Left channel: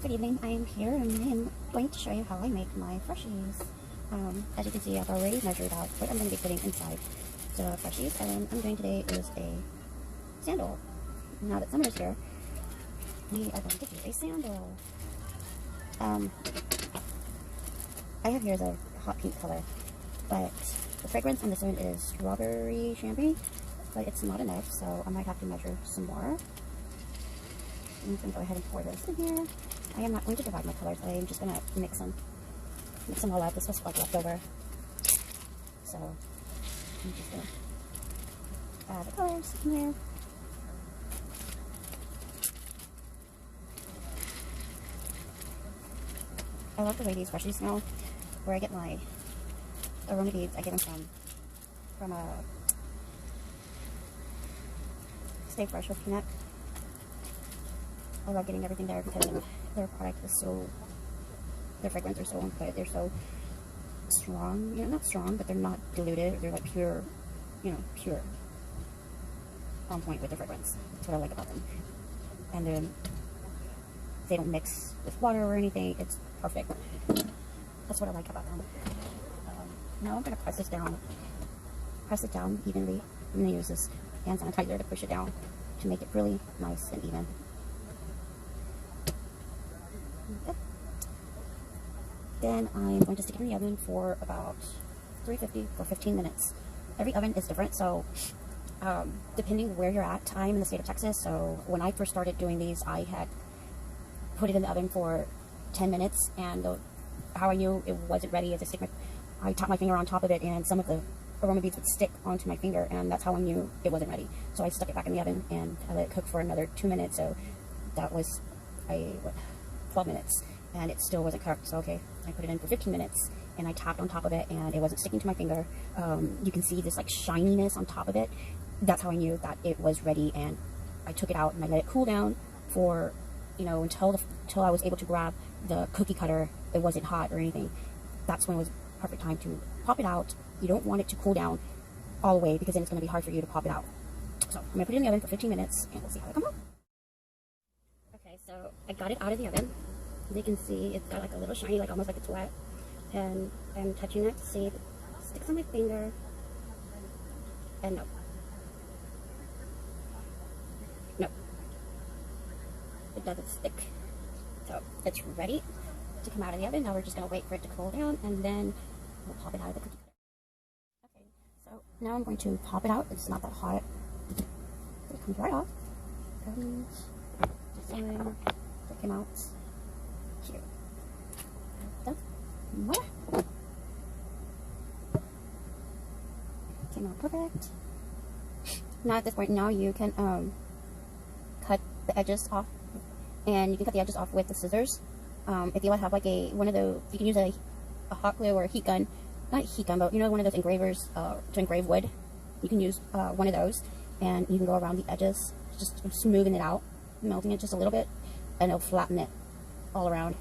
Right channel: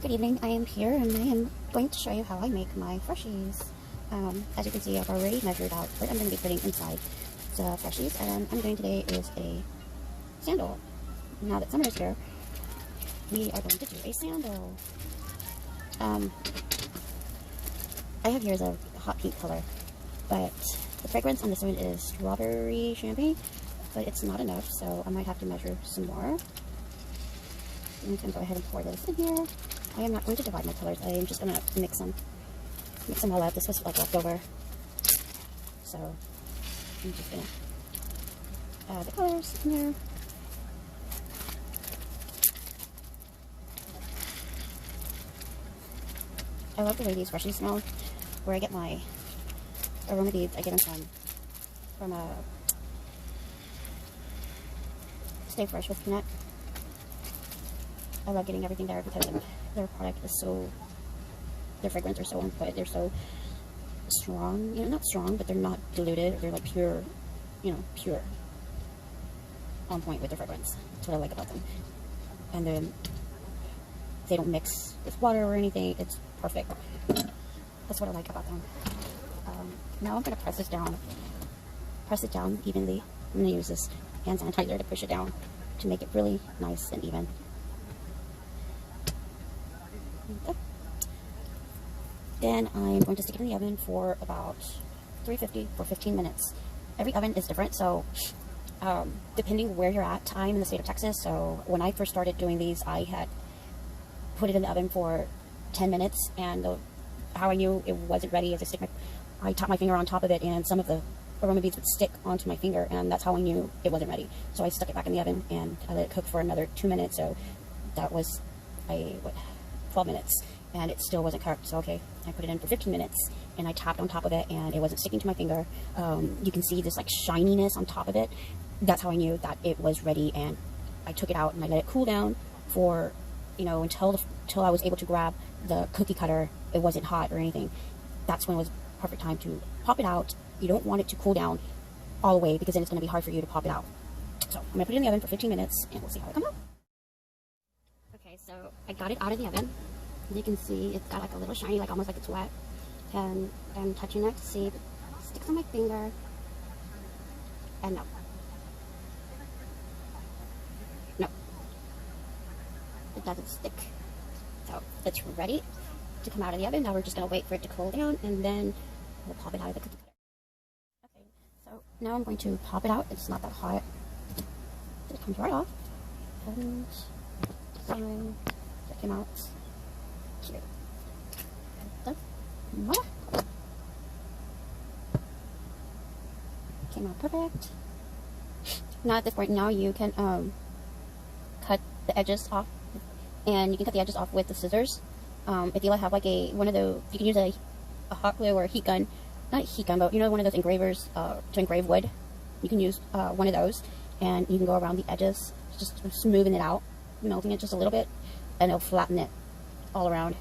Good evening, I am here and I am going to show you how I make my Freshies. As you can see, I've already measured out what I'm going to be putting inside the Freshies, and I'm doing today is a sandal. Now that summer is here, we are going to do a sandal. I have here is a hot pink color, but the fragrance on this one is strawberry champagne, but it's not enough, so I might have to measure some more. I'm going to go ahead and pour this in here. I am not going to divide my colors, I'm just going to mix them all up. This was like leftover, so I'm just going to add the colors in there. I love the way these Freshies smell. Where I get my aroma beads, I get them from Stay Fresh with Connect. I love getting everything there because their product is so, their fragrance are so on point. They're so strong, you know, not strong, but they're not diluted. They're like pure, you know, pure on point with the fragrance. That's what I like about them. And then they don't mix with water or anything. It's perfect. That's what I like about them. Now I'm going to press it down evenly. I'm going to use this hand sanitizer to push it down to make it really nice and even. Okay. Then I'm going to stick it in the oven for about 350 for 15 minutes. Every oven is different, so depending where you're at, I'm in the state of Texas, so when I first started doing these, I had put it in the oven for 10 minutes, and how I knew it wasn't ready is I tapped my finger on top of it, and some of the aroma beads would stick onto my finger, and that's how I knew it wasn't ready. So I stuck it back in the oven, and I let it cook for another 2 minutes, so that was 12 minutes, and it still wasn't cooked. So okay, I put it in for 15 minutes, and I tapped on top of it, and it wasn't sticking to my finger. You can see this like shininess on top of it. That's how I knew that it was ready, and I took it out and I let it cool down for, you know, until I was able to grab the cookie cutter. It wasn't hot or anything. That's when it was perfect time to pop it out. You don't want it to cool down all the way because then it's going to be hard for you to pop it out. So I'm going to put it in the oven for 15 minutes and we'll see how it comes out. Okay, so I got it out of the oven. As you can see, it's got like a little shiny, like almost like it's wet. And I'm touching that to see if it sticks on my finger. And no. No. It doesn't stick. So it's ready to come out of the oven. Now we're just going to wait for it to cool down and then we'll pop it out of the cookie cutter. Okay, so now I'm going to pop it out. It's not that hot. It comes right off. And check him out. Here. So, voila. Came out perfect. Now at this point, now you can cut the edges off. And you can cut the edges off with the scissors. If you have like one of those, you can use a hot glue or a heat gun. Not a heat gun, but you know, one of those engravers to engrave wood. You can use one of those, and you can go around the edges, just smoothing it out, melting it just a little bit, and it'll flatten it all around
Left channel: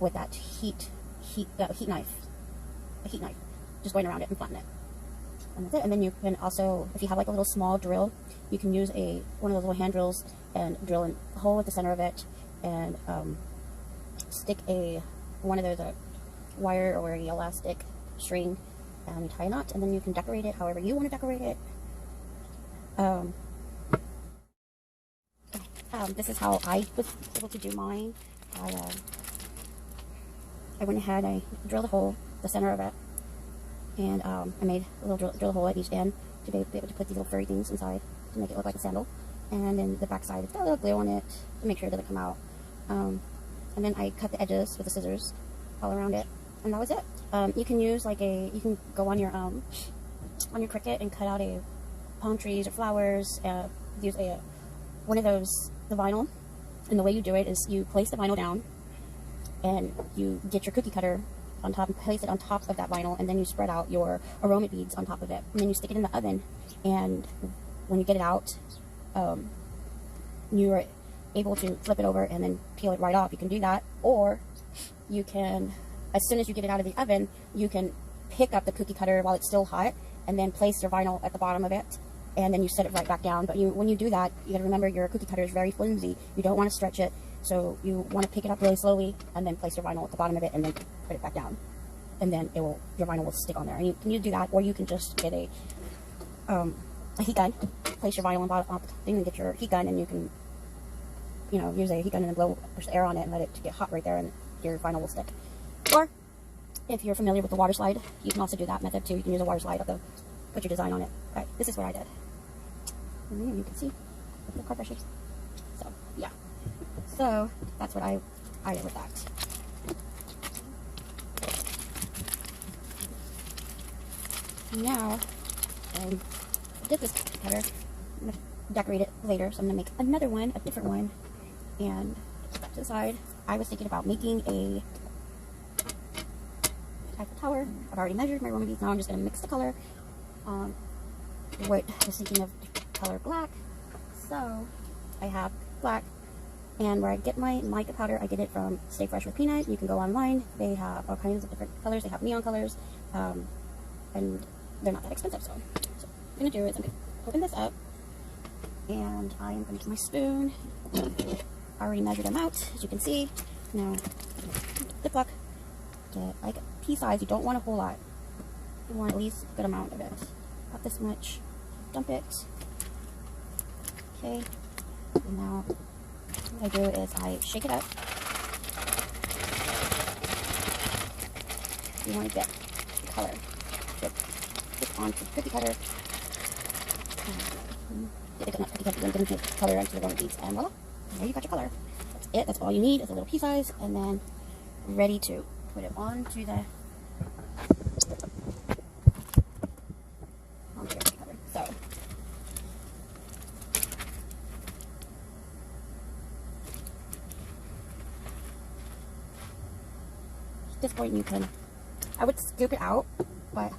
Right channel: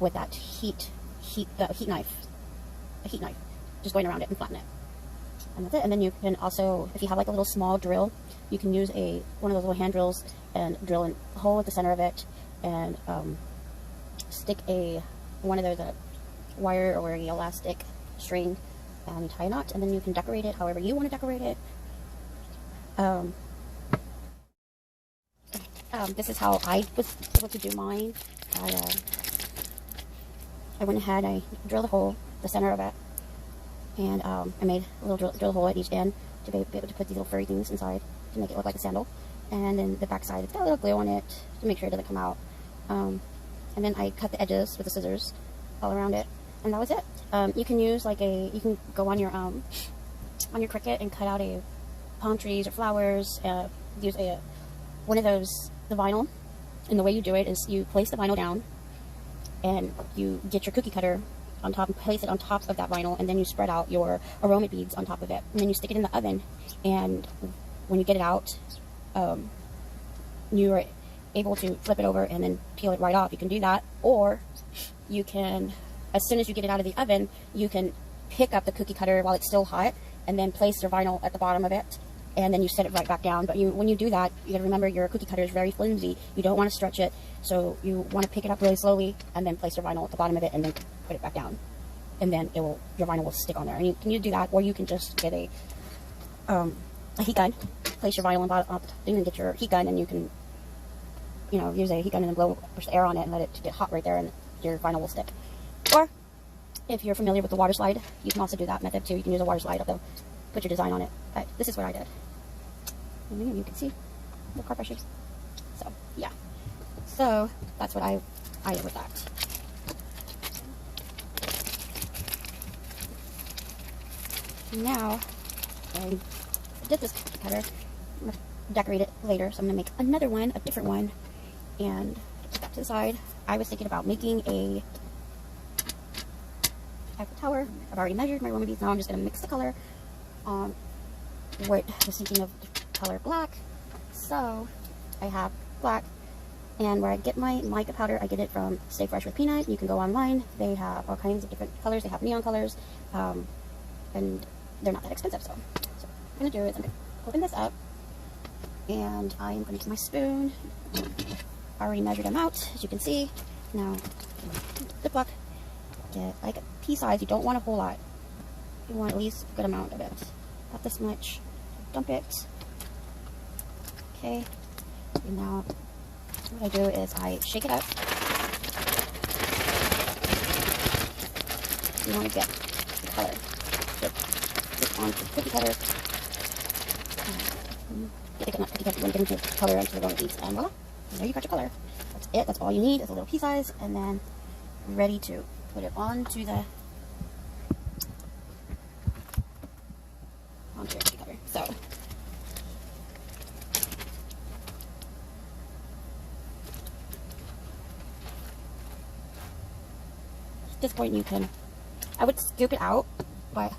with that heat knife, a heat knife, just going around it and flatten it. And that's it. And then you can also, if you have like a little small drill, you can use one of those little hand drills and drill a hole at the center of it, and stick one of those wire or an elastic string and tie a knot, and then you can decorate it however you want to decorate it. This is how I was able to do mine. I went ahead, I drilled a hole the center of it, and I made a little drill hole at each end to be able to put these little furry things inside to make it look like a sandal. And then the back side, it's got a little glue on it to make sure it doesn't come out. And then I cut the edges with the scissors all around it, and that was it. You can use like you can go on your Cricut and cut out palm trees or flowers. Use one of those, the vinyl. And the way you do it is you place the vinyl down, and you get your cookie cutter on top and place it on top of that vinyl, and then you spread out your aroma beads on top of it, and then you stick it in the oven. And when you get it out, you're able to flip it over and then peel it right off. You can do that, or you can, as soon as you get it out of the oven, you can pick up the cookie cutter while it's still hot and then place your vinyl at the bottom of it and then you set it right back down. But when you do that, you gotta remember your cookie cutter is very flimsy. You don't want to stretch it, so you want to pick it up really slowly and then place your vinyl at the bottom of it and then put it back down, and then your vinyl will stick on there. And you can do that, or you can just get a heat gun, place your vinyl on the thing, and get your heat gun, and you can use a heat gun and then push the air on it and let it get hot right there, and your vinyl will stick. Or if you're familiar with the water slide, you can also do that method too. You can use a water slide put your design on it. But this is what I did. And there you can see the car Freshies. So yeah. So that's what I did with that. Now I did this cookie cutter. I'm gonna decorate it later, so I'm gonna make another one, a different one, and put that to the side. I was thinking about making a Eiffel Tower. I've already measured my aroma beads. Now I'm just gonna mix the color. What I was thinking of color black, so I have black, and where I get my mica powder, I get it from Stay Fresh with Peanut. You can go online. They have all kinds of different colors. They have neon colors, and they're not that expensive. So what I'm gonna do is I'm gonna open this up, and I'm gonna get my spoon. I already measured them out, as you can see. Now the puck, get like a pea size. You don't want a whole lot. You want at least a good amount of it. About this much. Dump it. Okay. And now what I do is I shake it up. You want to get the color. Stick onto the cookie cutter. Get the cookie cutter and get the color onto the aroma beads. And voila. There you got your color. That's it. That's all you need is a little pea size, and then ready to put it onto the cover. So at this point I would scoop it out, but